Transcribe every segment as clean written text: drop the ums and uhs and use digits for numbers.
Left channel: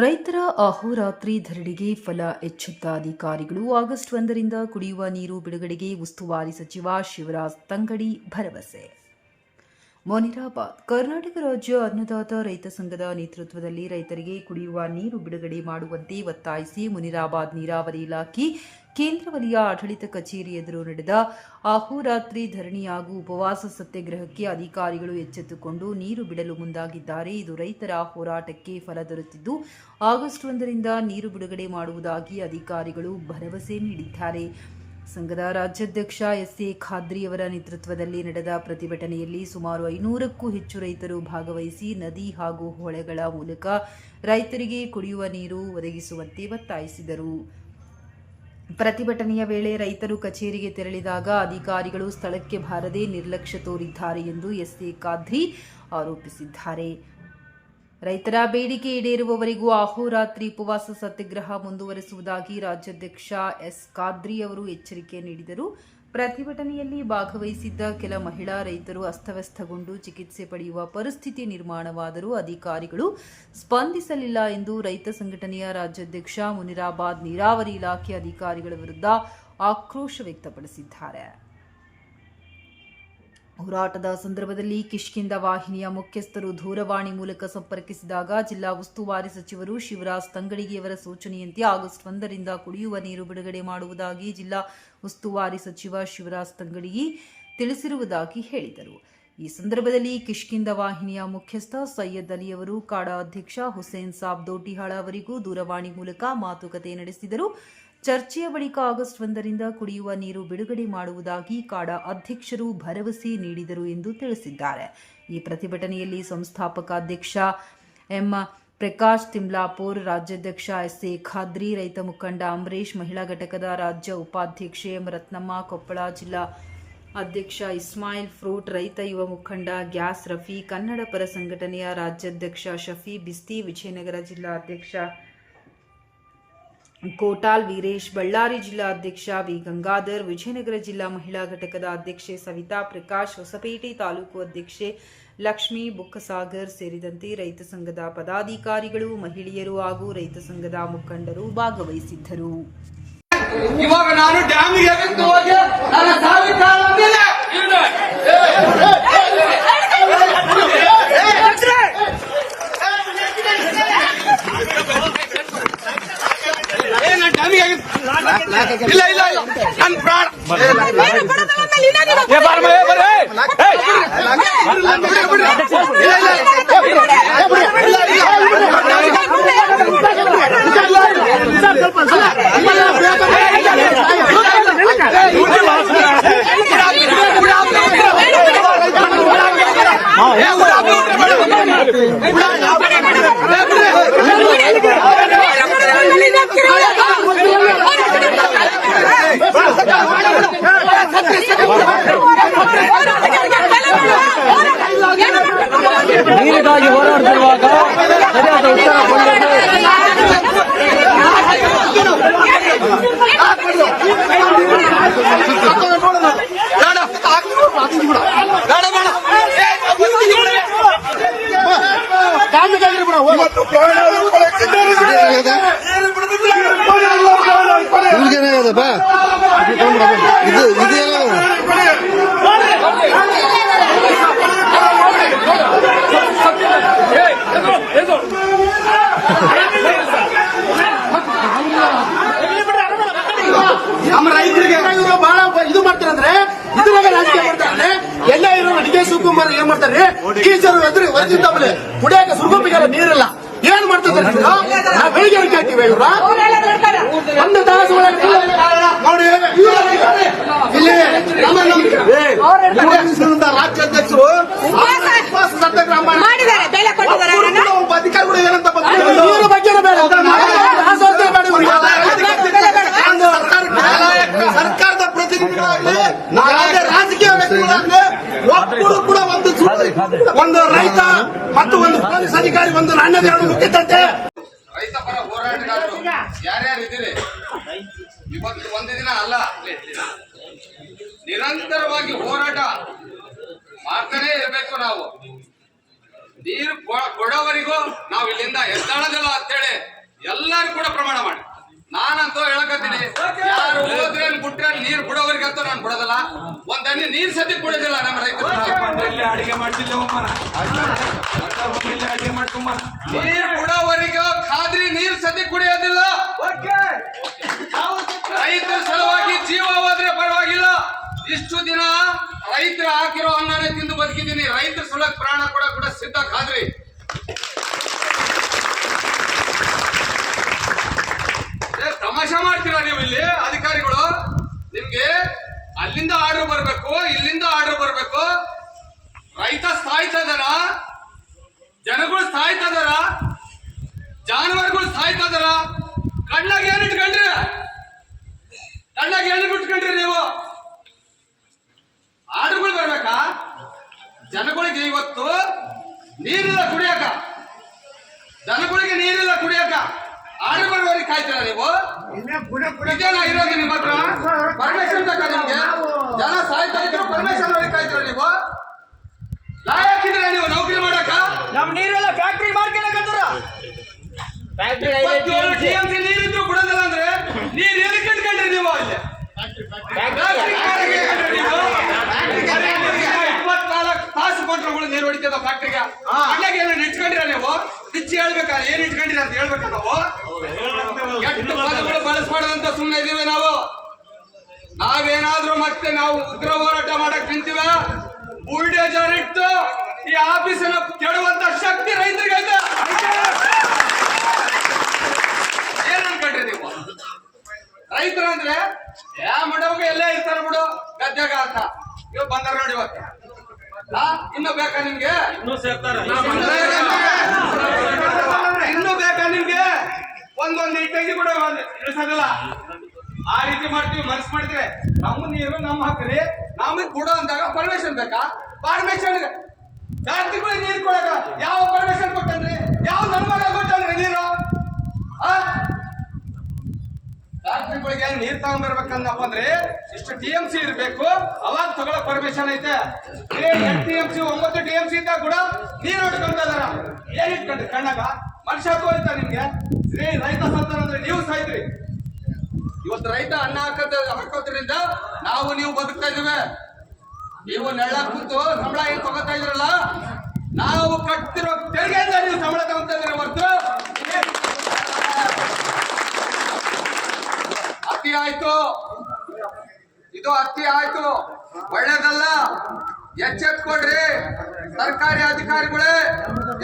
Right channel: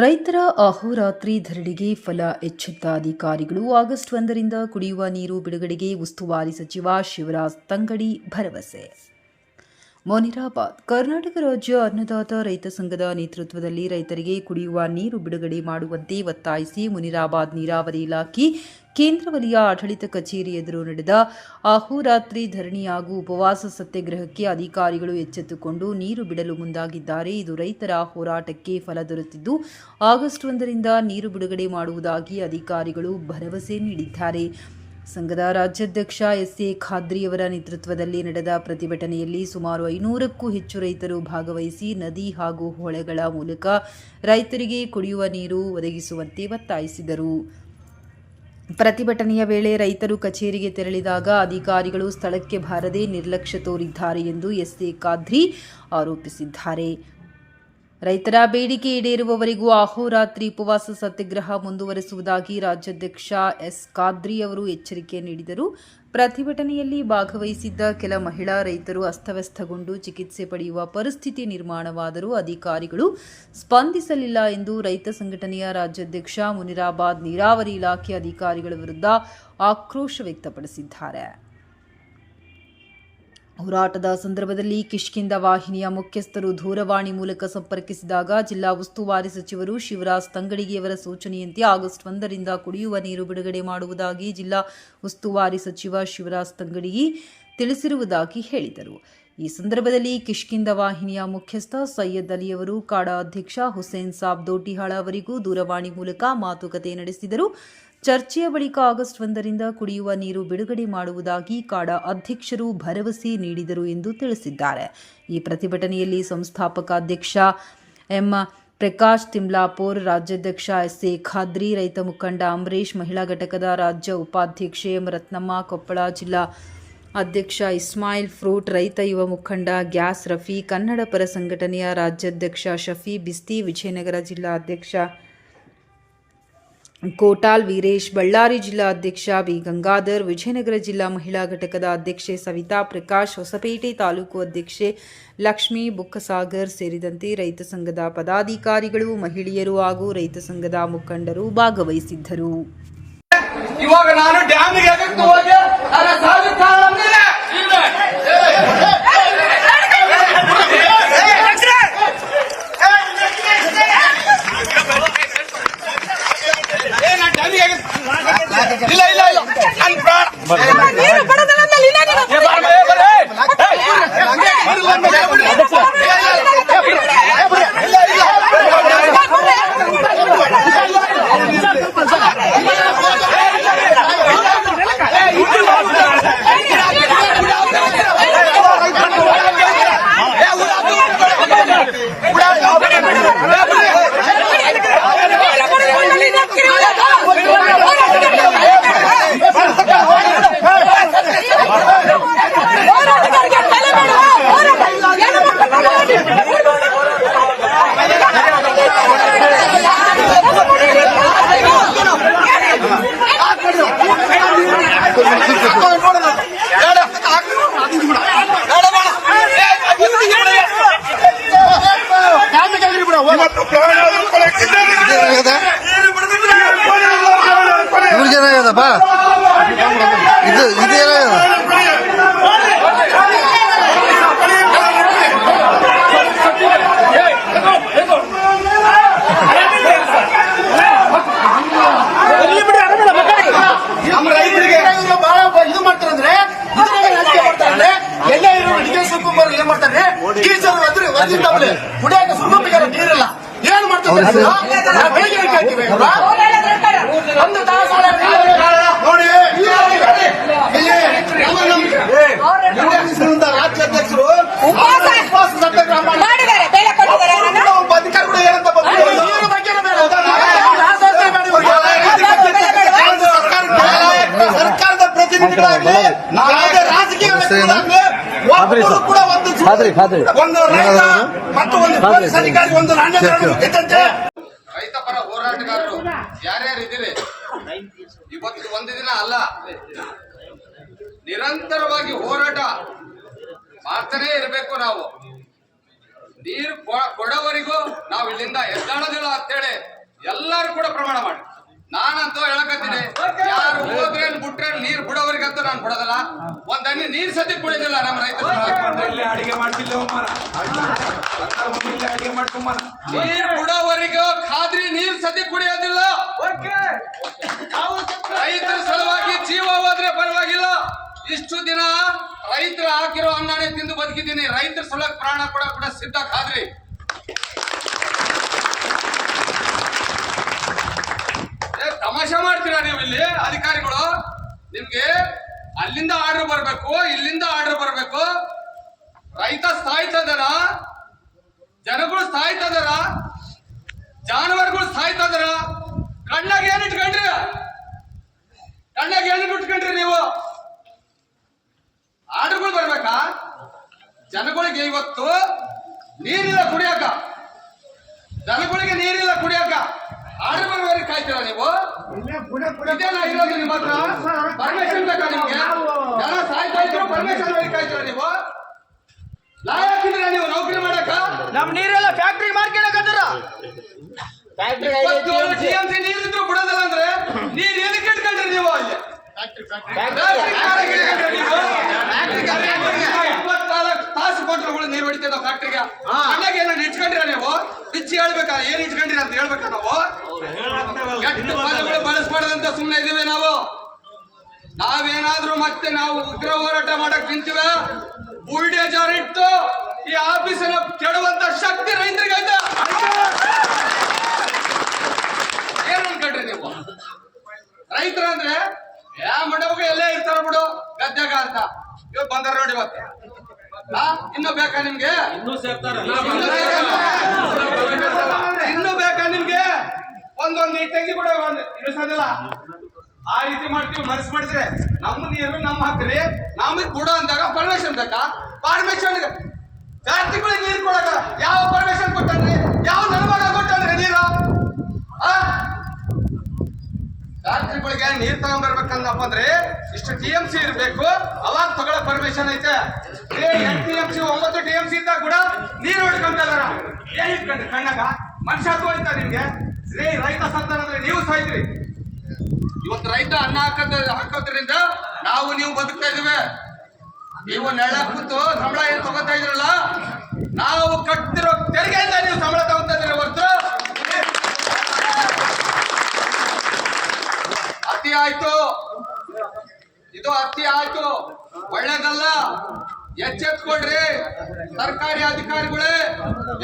ರೈತರ ಅಹೋರಾತ್ರಿ ಧರಣಿಗೆ ಫಲ ಎಚ್ಚೆತ್ತ ಅಧಿಕಾರಿಗಳು. ಆಗಸ್ಟ್ 1ರಿಂದ ಕುಡಿಯುವ ನೀರು ಬಿಡುಗಡೆಗೆ ಉಸ್ತುವಾರಿ ಸಚಿವ ಶಿವರಾಜ್ ತಂಗಡಿ ಭರವಸೆ. ಮುನಿರಾಬಾದ್. ಕರ್ನಾಟಕ ರಾಜ್ಯ ಅನ್ನದಾತ ರೈತ ಸಂಘದ ನೇತೃತ್ವದಲ್ಲಿ ರೈತರಿಗೆ ಕುಡಿಯುವ ನೀರು ಬಿಡುಗಡೆ ಮಾಡುವಂತೆ ಒತ್ತಾಯಿಸಿ ಮುನಿರಾಬಾದ್ ನೀರಾವರಿ ಇಲಾಖೆ ಕೇಂದ್ರ ವಲಯ ಆಡಳಿತ ಕಚೇರಿ ಎದುರು ನಡೆದ ಅಹೋರಾತ್ರಿ ಧರಣಿ ಹಾಗೂ ಉಪವಾಸ ಸತ್ಯಾಗ್ರಹಕ್ಕೆ ಅಧಿಕಾರಿಗಳು ಎಚ್ಚೆತ್ತುಕೊಂಡು ನೀರು ಬಿಡಲು ಮುಂದಾಗಿದ್ದಾರೆ. ಇದು ರೈತರ ಹೋರಾಟಕ್ಕೆ ಫಲ ದೊರೆತಿದ್ದು ಆಗಸ್ಟ್ 1ರಿಂದ ನೀರು ಬಿಡುಗಡೆ ಮಾಡುವುದಾಗಿ ಅಧಿಕಾರಿಗಳು ಭರವಸೆ ನೀಡಿದ್ದಾರೆ. ಸಂಘದ ರಾಜ್ಯಾಧ್ಯಕ್ಷ ಎಸ್.ಎ. ಖಾದ್ರಿಯವರ ನೇತೃತ್ವದಲ್ಲಿ ನಡೆದ ಪ್ರತಿಭಟನೆಯಲ್ಲಿ ಸುಮಾರು 500ಕ್ಕೂ ಹೆಚ್ಚು ರೈತರು ಭಾಗವಹಿಸಿ ನದಿ ಹಾಗೂ ಹೊಳೆಗಳ ಮೂಲಕ ರೈತರಿಗೆ ಕುಡಿಯುವ ನೀರು ಒದಗಿಸುವಂತೆ ಒತ್ತಾಯಿಸಿದರು. ಪ್ರತಿಭಟನೆಯ ವೇಳೆ ರೈತರು ಕಚೇರಿಗೆ ತೆರಳಿದಾಗ ಅಧಿಕಾರಿಗಳು ಸ್ಥಳಕ್ಕೆ ಬಾರದೆ ನಿರ್ಲಕ್ಷ್ಯ ತೋರಿದ್ದಾರೆ ಎಂದು ಎಸ್.ಎ. ಖಾದ್ರಿ ಆರೋಪಿಸಿದ್ದಾರೆ. ರೈತರ ಬೇಡಿಕೆ ಈಡೇರುವವರೆಗೂ ಅಹೋರಾತ್ರಿ ಉಪವಾಸ ಸತ್ಯಾಗ್ರಹ ಮುಂದುವರೆಸುವುದಾಗಿ ರಾಜ್ಯಾಧ್ಯಕ್ಷ ಎಸ್. ಖಾದ್ರಿ ಅವರು ಎಚ್ಚರಿಕೆ ನೀಡಿದರು. ಪ್ರತಿಭಟನೆಯಲ್ಲಿ ಭಾಗವಹಿಸಿದ್ದ ಕೆಲ ಮಹಿಳಾ ರೈತರು ಅಸ್ತವ್ಯಸ್ತಗೊಂಡು ಚಿಕಿತ್ಸೆ ಪಡೆಯುವ ಪರಿಸ್ಥಿತಿ ನಿರ್ಮಾಣವಾದರೂ ಅಧಿಕಾರಿಗಳು ಸ್ಪಂದಿಸಲಿಲ್ಲ ಎಂದು ರೈತ ಸಂಘಟನೆಯ ರಾಜ್ಯಾಧ್ಯಕ್ಷ ಮುನಿರಾಬಾದ್ ನೀರಾವರಿ ಇಲಾಖೆ ಅಧಿಕಾರಿಗಳ ವಿರುದ್ಧ ಆಕ್ರೋಶ ವ್ಯಕ್ತಪಡಿಸಿದ್ದಾರೆ. ಹೋರಾಟದ ಸಂದರ್ಭದಲ್ಲಿ ಕಿಷ್ಕಿಂಧ ವಾಹಿನಿಯ ಮುಖ್ಯಸ್ಥರು ದೂರವಾಣಿ ಮೂಲಕ ಸಂಪರ್ಕಿಸಿದಾಗ ಜಿಲ್ಲಾ ಉಸ್ತುವಾರಿ ಸಚಿವರು ಶಿವರಾಜ್ ತಂಗಡಿಯವರ ಸೂಚನೆಯಂತೆ ಆಗಸ್ಟ್ 1ರಿಂದ ಕುಡಿಯುವ ನೀರು ಬಿಡುಗಡೆ ಮಾಡುವುದಾಗಿ ಜಿಲ್ಲಾ ಉಸ್ತುವಾರಿ ಸಚಿವ ಶಿವರಾಜ್ ತಂಗಡಿ ತಿಳಿಸಿರುವುದಾಗಿ ಹೇಳಿದರು. ಈ ಸಂದರ್ಭದಲ್ಲಿ ಕಿಷ್ಕಿಂಧ ವಾಹಿನಿಯ ಮುಖ್ಯಸ್ಥ ಸೈಯದ್ ಅಲಿಯವರು ಕಾಡಾ ಅಧ್ಯಕ್ಷ ಹುಸೇನ್ ಸಾಬ್ ದೋಟಿಹಾಳ ಅವರಿಗೂ ದೂರವಾಣಿ ಮೂಲಕ ಮಾತುಕತೆ ನಡೆಸಿದರು. ಚರ್ಚೆಯ ಬಳಿಕ ಆಗಸ್ಟ್ 1ರಿಂದ ಕುಡಿಯುವ ನೀರು ಬಿಡುಗಡೆ ಮಾಡುವುದಾಗಿ ಕಾಡಾ ಅಧ್ಯಕ್ಷರು ಭರವಸೆ ನೀಡಿದರು ಎಂದು ತಿಳಿಸಿದ್ದಾರೆ. ಈ ಪ್ರತಿಭಟನೆಯಲ್ಲಿ ಸಂಸ್ಥಾಪಕ ಅಧ್ಯಕ್ಷ ಎಂ. ಪ್ರಕಾಶ್ ತಿಮ್ಲಾಪುರ್, ರಾಜ್ಯಾಧ್ಯಕ್ಷ ಎಸ್.ಎ. ಖಾದ್ರಿ, ರೈತ ಮುಖಂಡ ಅಂಬರೀಶ್, ಮಹಿಳಾ ಘಟಕದ ರಾಜ್ಯ ಉಪಾಧ್ಯಕ್ಷೆ ಎಂ. ರತ್ನಮ್ಮ, ಕೊಪ್ಪಳ ಜಿಲ್ಲಾ ಅಧ್ಯಕ್ಷ ಇಸ್ಮಾಯಿಲ್ ಫ್ರೂಟ್, ರೈತ ಯುವ ಮುಖಂಡ ಗ್ಯಾಸ್ ರಫಿ, ಕನ್ನಡ ಪರ ಸಂಘಟನೆಯ ರಾಜ್ಯಾಧ್ಯಕ್ಷ ಶಫಿ ಬಿಸ್ತಿ, ವಿಜಯನಗರ ಜಿಲ್ಲಾ ಅಧ್ಯಕ್ಷ ಕೋಟಾಲ್ ವೀರೇಶ್, ಬಳ್ಳಾರಿ ಜಿಲ್ಲಾ ಅಧ್ಯಕ್ಷ ಬಿ. ಗಂಗಾಧರ್, ವಿಜಯನಗರ ಜಿಲ್ಲಾ ಮಹಿಳಾ ಘಟಕದ ಅಧ್ಯಕ್ಷೆ ಸವಿತಾ ಪ್ರಕಾಶ್, ಹೊಸಪೇಟೆ ತಾಲೂಕು ಅಧ್ಯಕ್ಷೆ ಲಕ್ಷ್ಮೀ ಬುಕ್ಕಸಾಗರ್ ಸೇರಿದಂತೆ ರೈತ ಸಂಘದ ಪದಾಧಿಕಾರಿಗಳು, ಮಹಿಳೆಯರು ಹಾಗೂ ರೈತ ಸಂಘದ ಮುಖಂಡರು ಭಾಗವಹಿಸಿದ್ದರು. ಇವಾಗ ನಾನು ಡ್ಯಾಮಿಗೆ ಹೋಗಿ ಇಲ್ಲ ಇಲ್ಲ ಇಲ್ಲ ನನ್ನ ಪ್ರಾಣ ಇವ್ರಿಗೇನಾಗದಪ್ಪ ಇದು ಇದೇನಾಗದ ನಮ್ಮ ರೈತರಿಗೆ ಬಹಳ ಇದು ಮಾಡ್ತಾರಂದ್ರೆ ಇದ್ರಾಗ ನಾಟಿಕೆ ಮಾಡ್ತಾರಂದ್ರೆ ಎಣ್ಣೆ ಇರೋ ಅಡಿಗೆ ಸುಕ್ಕುಂಬರು ಏನ್ ಮಾಡ್ತಾರೆ ಕೀಚರು ಎದುರು ವರ್ಜಿದ್ದಾಗಲೇ ಕುಡಿಯಾಕ ಸುಗಮಿಗಾರ ನೀರಿಲ್ಲ ಏನ್ ಮಾಡ್ತಾರೆ ಬೆಳಿಗ್ಗೆ ಕೇಳ್ತೀವಿ ಒಂದು ನೋಡಿ ಇಲ್ಲಿ ರಾಜ್ಯಾಧ್ಯಕ್ಷರು ಉಪವಾಸ ಸತ್ಯಾಗ್ರಹ ಅಧಿಕಾರಿಗಳು ಏನಂತ ಸರ್ಕಾರದ ಪ್ರತಿನಿಧಿಗಳಾಗ್ಲಿ ರಾಜಕೀಯ ವ್ಯಕ್ತಿಗಳಾಗ್ಲಿ ಒಬ್ಬರು ಕೂಡ ಒಂದು ರೈತ ಮತ್ತು ಒಂದು ಪೊಲೀಸ್ ಅಧಿಕಾರಿ ಒಂದು ನಾಣ್ಯಗಳನ್ನು ಮುಟ್ಟಿದ್ದಂತೆ ರೈತ ಪರ ಹೋರಾಟಗಾರರು ಯಾರ್ಯಾರು ಇದ್ದೀರಿ ಇವತ್ತು ಒಂದು ದಿನ ಅಲ್ಲ, ನಿರಂತರವಾಗಿ ಹೋರಾಟ ಮಾಡ್ತಾನೇ ಇರಬೇಕು. ನಾವು ನೀರು ಕೊಡೋವರೆಗೂ ನಾವು ಇಲ್ಲಿಂದ ಎದ್ದಾಡೋದಿಲ್ಲ ಅಂತೇಳಿ ಎಲ್ಲರೂ ಕೂಡ ಪ್ರಮಾಣ ಮಾಡಿ. ನಾನಂತೂ ಹೇಳಕತ್ತೀನಿ, ಯಾರು ಹೋದ್ರೆ ಬಿಟ್ರೆ ನೀರು ಬಿಡೋವರೆಗಂತೂ ನಾನು ಬಿಡೋದಿಲ್ಲ. ಒಂದ್ ಹನಿ ನೀರ್ ಸತಿ ಕುಡಿಯೋದಿಲ್ಲ ನಮ್ಮ ರೈತರು. ನೀರು ಬಿಡೋವರೆಗೂ ಖಾದ್ರಿ ನೀರ್ ಸತಿ ಕುಡಿಯೋದಿಲ್ಲ. ರೈತರ ಸಲುವಾಗಿ ಜೀವ ಹೋದ್ರೆ ಪರವಾಗಿಲ್ಲ. ಇಷ್ಟು ದಿನ ರೈತರು ಹಾಕಿರೋ ಅನ್ನನೇ ತಿಂದು ಬದುಕಿದ್ದೀನಿ. ರೈತರ ಸಲುವಾಗಿ ಪ್ರಾಣ ಕೂಡ ಸಿದ್ಧ ಖಾದ್ರಿ. ತಮಾಷೆ ಮಾಡ್ತೀರಾ ನೀವು ಇಲ್ಲಿ ಅಧಿಕಾರಿಗಳು? ನಿಮ್ಗೆ ಅಲ್ಲಿಂದ ಆರ್ಡರ್ ಬರ್ಬೇಕು, ಇಲ್ಲಿಂದ ಆರ್ಡರ್ ಬರ್ಬೇಕು. ರೈತ ಸಾಯ್ತಾ ಇದಾರ, ಜನಗಳು ಸಾಯ್ತಾ ಇದಾರ, ಜಾನುವಾರುಗಳು ಸಾಯ್ತಾ ಇದಾರ. ಕಣ್ಣಾಗ ಏನ್ ಇಟ್ಕೊಂಡ್ರಿ? ಕಣ್ಣಾಗ ಏನ್ ಇಟ್ಕೊಂಡ್ರಿ ನೀವು? ಆರ್ಡರ್ಗಳು ಬರ್ಬೇಕಾ? ಜನಗಳಿಗೆ ಇವತ್ತು ನೀರಿಲ್ಲ ಕುಡಿಯಾಕ, ಜನಗಳಿಗೆ ನೀರಿಲ್ಲ ಕುಡಿಯಾಕ. ಆರ್ಡರ್ ಬರುವವರೆಗೆ ಕಾಯ್ತೀರಾ ನೀವು? ಇದೇನಾ ಇರೋದು ನಿಮ್ಮ ಹತ್ರ? ಪರ್ಮಿಷನ್ ಬೇಕಾ ನಿಮ್ಗೆ? ಜನ ಸಾಯ್ತಾ ಇದ್ರು ಪರ್ಮಿಷನ್ ಅವ್ರಿಗೆ ಕಾಯ್ತೀರಾ ನೀವು? ಲಾಯಕ್ಕಿದ್ದೀರಾ ನೀವು ನೌಕರಿ ಮಾಡಕ? ನಮ್ ನೀರೆಲ್ಲ ಫ್ಯಾಕ್ಟ್ರಿ ಮಾಡ್ಕೊಳಕತ್ತಾರ. TMC ನೀರಿದ್ರು ಬಿಡೋದಿಲ್ಲ ಅಂದ್ರೆ ನೀರ್ ಎಲ್ಲಿ ಕಟ್ಕೊಂಡ್ರಿ ನೀವು? ಅಲ್ಲಿ 24 ತಾಸು ಕೊಟ್ಟರು ನೀರು ಹೊಡಿತದ ಫ್ಯಾಕ್ಟ್ರಿಗೆ. ಅಣ್ಣಾಗ ಏನೋ ಇಟ್ಕೊಂಡಿರ ನೀವು? ಬಿಚ್ಚಿ ಹೇಳ್ಬೇಕಾ ಏನ್ ಇಟ್ಕೊಂಡಿರ ಅಂತ ಹೇಳ್ಬೇಕಾ ನಾವು? ಕೆಟ್ಟ ಪದಗಳು ಬಳಸ್ಬಾರ್ದಂತ ಸುಮ್ಮನೆ ಇದೀವಿ ನಾವು. ನಾವೇನಾದ್ರೂ ಮತ್ತೆ ನಾವು ಉಗ್ರ ಹೋರಾಟ ಮಾಡಕ್ ನಿಂತೀವಿ. ಬುಲ್ಡೇಜರ್ ಇಟ್ಟು ಈ ಆಫೀಸನ್ನ ಕೆಡುವಂತ ಶಕ್ತಿ ರೈತರಿಗೆ ಐತೆ. ಏನ್ ಅನ್ಕೊಂಡ್ರಿ ನೀವು? ರೈತರಂದ್ರೆ ಮಂಡಪಕ್ಕೆ ಎಲ್ಲೇ ಇರ್ತಾರ ಬಿಡು ಗದ್ಯಾಗ ಅಂತ. ಇವ್ ಬಂದಾರ ನೋಡಿ ಇವತ್ತು. ಇನ್ನು ಬೇಕಾ ನಿಮ್ಗೆ? ಇನ್ನು ಬೇಕಾ ನಿಮ್ಗೆ? ಒಂದೊಂದು ತೆಗಿ ಕೂಡ ಇಳಿಸೋದಿಲ್ಲ. ಆ ರೀತಿ ಮಾಡ್ತೀವಿ. ಮನಸ್ಸು ಮಾಡಿದ್ರೆ ನಮ್ಮ ನೀರು ನಮ್ಮ ಹಕ್ಕ್ರಿ. ನಮಗ್ ಬಿಡೋ ಅಂದಾಗ ಪರ್ಮಿಷನ್ ಬೇಕಾ? ಪರ್ಮಿಷನ್ ಫ್ಯಾಕ್ಟ್ರಿಗಳಿಗೆ ನೀರು ಕೊಡಕ ಯಾವ ಪರ್ಮಿಷನ್ ಕೊಟ್ಟನ್ರಿ? ಯಾವ ನಲ್ವಾಗ ಕೊಟ್ಟನ್ರಿ ನೀರು? ಫ್ಯಾಕ್ಟ್ರಿಗಳಿಗೆ ನೀರ್ ತಗೊಂಡ್ಬರ್ಬೇಕಂದಪ್ಪ ಅಂದ್ರೆ ಇಷ್ಟು TMC ಇರ್ಬೇಕು, ಅವಾಗ ತಗೊಳ್ಳೋ ಪರ್ಮಿಷನ್ ಐತೆ. 8 TMC 9 TMC ಇದ್ದಾಗ ಕೂಡ ನೀರು ಇಟ್ಕೊಂತ ಇದಾರ. ಏನ್ ಇಟ್ಕೊಂಡ್ರಿ ಕಣ್ಣಾಗ? ಮನುಷ್ಯ ತೋರಿತ ನಿಮ್ಗೆ? ರೈತ ಸತ್ತಾನ ಅಂದ್ರೆ ನೀವು ಸಾಯ್ತ್ರಿ. ಇವತ್ತು ರೈತ ಅನ್ನ ಹಾಕೋದ್ರಿಂದ ನಾವು ನೀವು ಬದುಕ್ತಾ ಇದೀವಿ. ನೀವು ನೆಳ ಕೂತು ಸಂಬಳ ಏನ್ ತಗೋತಾ ಇದ್ರಲ್ಲ, ನಾವು ಕಟ್ಟಿರೋ ತೆರಿಗೆಯಿಂದ ನೀವು ಸಂಬಳ ತಗೋತಾ ಇದ್ದೀರ ಹೊರತು ಅತಿ ಆಯ್ತು. ಇದು ಅತಿ ಆಯ್ತು, ಒಳ್ಳೇದಲ್ಲ. ಎಚ್ಚೆತ್ಕೊಡ್ರಿ ಸರ್ಕಾರಿ ಅಧಿಕಾರಿಗಳೇ,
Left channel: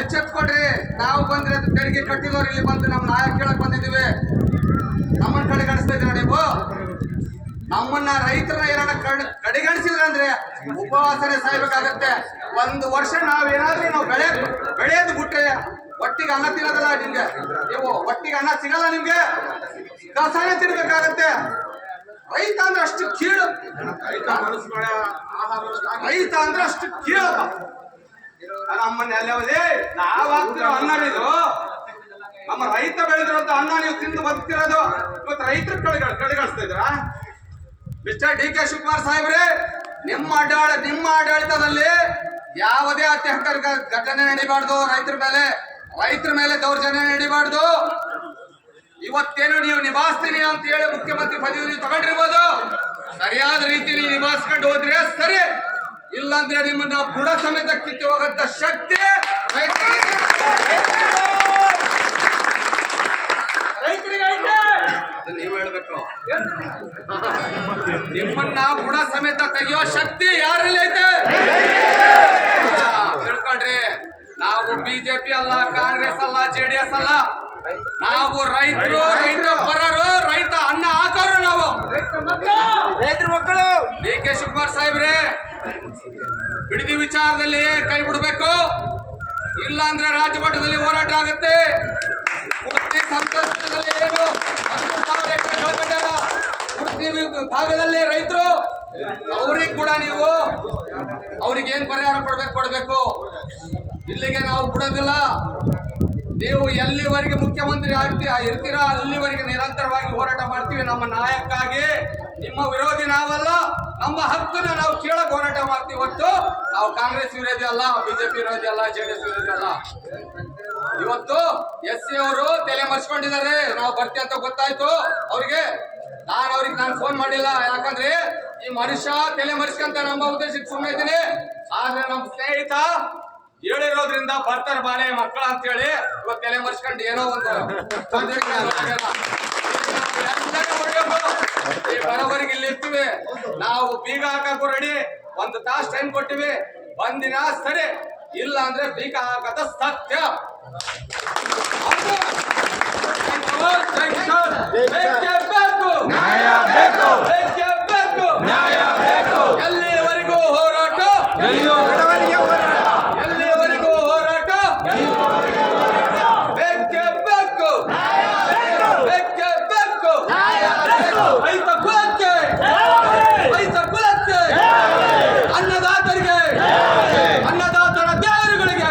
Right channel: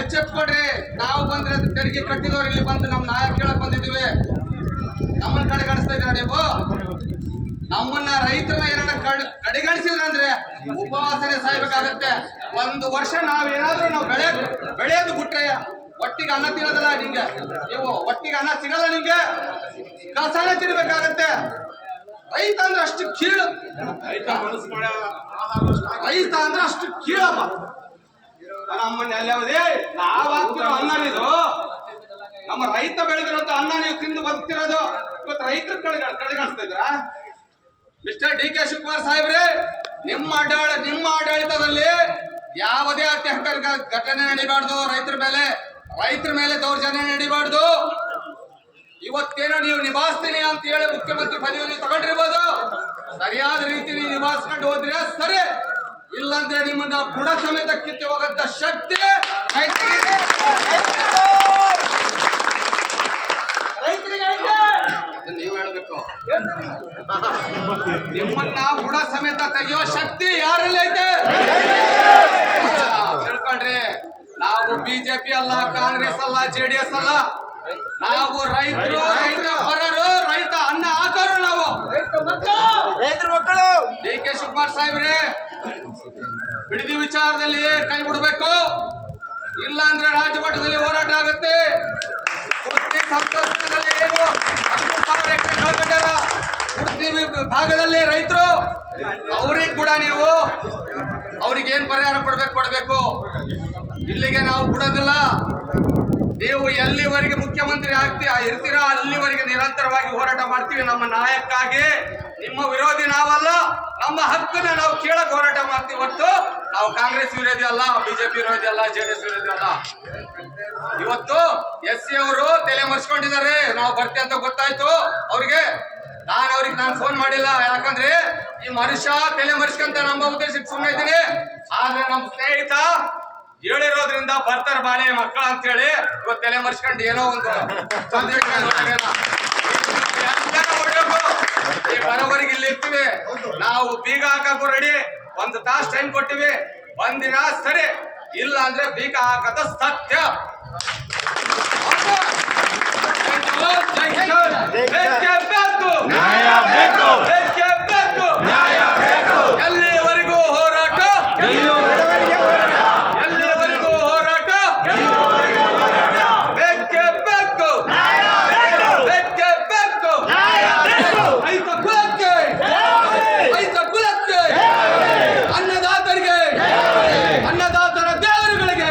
ಎಚ್ಚೆತ್ಕೊಡ್ರಿ. ನಾವು ಬಂದ್ರೆ ತೆರಿಗೆ ಕಟ್ಟಿದವ್ರು ಇಲ್ಲಿ ಬಂದು ನಮ್ಮ ನ್ಯಾಯ ಕೇಳಕ್ ಬಂದಿದ್ದೀವಿ. ನಮ್ಮನ್ನ ಕಡೆಗಣಿಸ್ತಾ ಇದ್ದೀರ ನೀವು? ನಮ್ಮನ್ನ ರೈತರನ್ನ ಏನಾರ ಕಡೆಗಣಿಸಿದ್ರಂದ್ರೆ ಉಪವಾಸನೆ ಸಾಯ್ಬೇಕಾಗತ್ತೆ. 1 ವರ್ಷ ನಾವೇನಾದ್ರೂ ನಾವು ಬೆಳೆಯೋದು ಬಿಟ್ರೆ ಒಟ್ಟಿಗೆ ಅನ್ನ ತಿನ್ನೋದಲ್ಲ ನಿಮ್ಗೆ. ನೀವು ಒಟ್ಟಿಗೆ ಅನ್ನ ಸಿಗಲ್ಲ ನಿಮ್ಗೆ, ಕಸಾನೆ ತಿನ್ಬೇಕಾಗತ್ತೆ. ರೈತ ಅಂದ್ರೆ ಅಷ್ಟು ಕೀಳು. ರೈತ ಅಂದ್ರೆ ಅಷ್ಟು ಕೀಳಪ್ಪ. ನಮ್ಮನ್ನ ಅಲ್ಲೇ ನಾವ್ ಹಾಕ್ತಿರೋ ಅನ್ನ ಇದು. ನಮ್ಮ ರೈತ ಬೆಳೆದಿರೋಂತ ಅನ್ನ ನೀವು ತಿಂದು ಬದುಕ್ತಿರೋದು. ಇವತ್ತು ರೈತರ ಕಡೆಗಣಿಸ್ತಾ ಇದ್ರ? ಮಿಸ್ಟರ್ DK ಶಿವಕುಮಾರ್ ಸಾಹೇಬ್ರೆ, ನಿಮ್ಮ ಆಡಳಿತದಲ್ಲಿ ಯಾವುದೇ ಅತ್ಯಾಚಾರ ಘಟನೆ ನಡೀಬಾರ್ದು. ರೈತರ ಮೇಲೆ ದೌರ್ಜನ್ಯ ನಡೀಬಾರ್ದು. ಇವತ್ತೇನು ನೀವು ನಿಭಾಯಿಸ್ತೀನಿ ಅಂತ ಹೇಳಿ ಮುಖ್ಯಮಂತ್ರಿ ಪದವಿಯನ್ನು ತಗೊಂಡಿರ್ಬೋದು. ಸರಿಯಾದ ರೀತಿಯಲ್ಲಿ ನಿಭಾಯಿಸ್ಕೊಂಡು ಹೋದ್ರೆ ಸರಿ, ಇಲ್ಲಾಂದ್ರೆ ನಿಮ್ಮನ್ನ ಬುಡ ಸಮೇತ ಕಿತ್ತಿ ಹೋಗಂತ ಶಕ್ತಿ ನೀವು ಹೇಳ್ಬೇಕು. ನಿಮ್ಮನ್ನ ಬುಡ ಸಮೇತ ತೆಗೆಯೋ ಶಕ್ತಿ ಯಾರಲ್ಲಿ ಐತೆ ತಿಳ್ಕೊಳ್ರಿ. ನಾವು BJP ಅಲ್ಲ, ಕಾಂಗ್ರೆಸ್ ಅಲ್ಲ, JDS ಅಲ್ಲ. ನಾವು ರೈತರು, ರೈತ ಪರರು, ರೈತ ಅನ್ನ ಹಾಕೋರು ನಾವು. ರೈತರ ಮಕ್ಕಳು. DK ಶಿವಕುಮಾರ್ ಸಾಹೇಬ್ರೆ, ಬಿಡದಿ ವಿಚಾರದಲ್ಲಿ ಕೈ ಬಿಡಬೇಕು. ಇಲ್ಲ ಅಂದ್ರೆ ರಾಜ್ಯ ಮಟ್ಟದಲ್ಲಿ ಹೋರಾಟ ಆಗುತ್ತೆ. ಸಂಕಷ್ಟದಲ್ಲಿ ಏನು 13,000 ಎಕರೆ ಕಳ್ಕೊಂಡಾರ ಉಡುಪಿ ಭಾಗದಲ್ಲಿ ರೈತರು. ಅವ್ರಿಗೆ ಕೂಡ ನೀವು ಅವ್ರಿಗೆ ಏನ್ ಪರಿಹಾರ ಕೊಡ್ಬೇಕು. ಇಲ್ಲಿಗೆ ನಾವು ಬಿಡೋದಿಲ್ಲ. ನೀವು ಎಲ್ಲಿವರೆಗೆ ಮುಖ್ಯಮಂತ್ರಿ ಇರ್ತೀರಾ ಅಲ್ಲಿವರೆಗೆ ನಿರಂತರವಾಗಿ ಹೋರಾಟ ಮಾಡ್ತೀವಿ. ನಮ್ಮ ನಾಯಕ್ಕಾಗಿ. ನಿಮ್ಮ ವಿರೋಧಿ ನಾವಲ್ಲ. ನಮ್ಮ ಹಕ್ಕನ್ನ ನಾವು ಕೇಳಕ್ ಹೋರಾಟ ಮಾಡ್ತೀವಿ ಹೊತ್ತು ನಾವು ಕಾಂಗ್ರೆಸ್ ವಿರೋಧಿ ಅಲ್ಲ, ಬಿಜೆಪಿ ವಿರೋಧಿ ಅಲ್ಲ, ಜೆಡಿಎಸ್ ವಿರೋಧಿ ಅಲ್ಲ. ಇವತ್ತು SC ಅವರು ತಲೆ ಮರ್ಸ್ಕೊಂಡಿದ್ದಾರೆ. ನಾವು ಬರ್ತೀವಿ ಅಂತ ಗೊತ್ತಾಯ್ತು ಅವ್ರಿಗೆ. ನಾನು ಫೋನ್ ಮಾಡಿಲ್ಲ, ಯಾಕಂದ್ರೆ ಈ ಮನುಷ್ಯ ತಲೆ ಮರ್ಸ್ಕೊಂತ ನಮ್ಮ ಉದ್ದೇಶಕ್ಕೆ ಸುಮ್ಮನೆ ಇದ್ದೀನಿ. ಆದ್ರೆ ನಮ್ಮ ಸ್ನೇಹಿತ ಹೇಳಿರೋದ್ರಿಂದ ಬರ್ತಾರೆ ಬಾಳೆ ಮಕ್ಕಳ ಅಂತ ಹೇಳಿ ಇವತ್ತು ತಲೆ ಮರ್ಸ್ಕೊಂಡು ಏನೋ ಒಂದು ಈ ಬರೋವರೆಗೆ ಇಲ್ಲಿ ಇರ್ತೀವಿ. ನಾವು ಬೀಗ ಹಾಕಕ್ಕೂ ರೆಡಿ. ಒಂದು ತಾಸು ಟೈಮ್ ಕೊಟ್ಟಿವಿ. ಒಂದಿನ ಸರಿ, ಇಲ್ಲ ಅಂದ್ರೆ ಬೀಗ ಹಾಕದ ಸತ್ಯ. ನ್ಯಾಯ ಬೇಕು, ನ್ಯಾಯ ಬೇಕು. ಎಲ್ಲಿವರೆಗೂ ಹೋರಾಟ, ಎಲ್ಲಿವರೆಗೂ ಹೋರಾಟ, ಬೇಕೇ ಬೇಕು, ಬೇಕೇ ಬೇಕು. ರೈತ ಕುಲಕ್ಕೆ, ರೈತ ಕುಲಕ್ಕೆ, ಅನ್ನದಾತರಿಗೆ, ಅನ್ನದಾತರ ದೇವರುಗಳಿಗೆ.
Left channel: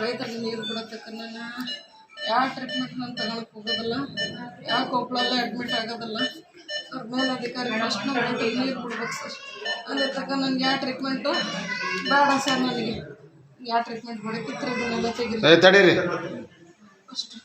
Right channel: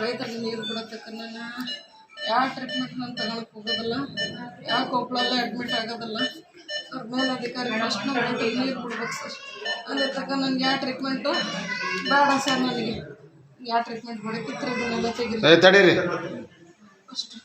ರೈತರಿಗೆ ನೀರು ಬಿಡತಕ್ಕನ್ನ ಯಾವ ಟ್ರೀಟ್ಮೆಂಟ್ ನಾನು ತಗೊಳಕ್ ಹೋಗೋದಿಲ್ಲ, ಯಾವ ಕೊಪ್ಪಳಲ್ಲ ಅಡ್ಮಿಟ್ ಆಗೋದಿಲ್ಲ ಸರ್. ಮೇಲಧಿಕಾರಿ ಫಸ್ಟ್ ರೈತರಿಗೆ ನೀರು ಬಿಡ್ಬೇಕು ಸರ್. ಅದೇ ತಕ್ಕ ನನಗೆ ಯಾವ ಟ್ರೀಟ್ಮೆಂಟು ಬೇಡ ಸರ್. ನನಗೆ ಯಾವ ಟ್ರೀಟ್ಮೆಂಟ್ ಬಿಡಕ್ಕಿತ್ತು ಇದನ್ನೆಲ್ಲ ತೆಗಿರಿ ತಡೀರಿ ಅಷ್ಟು.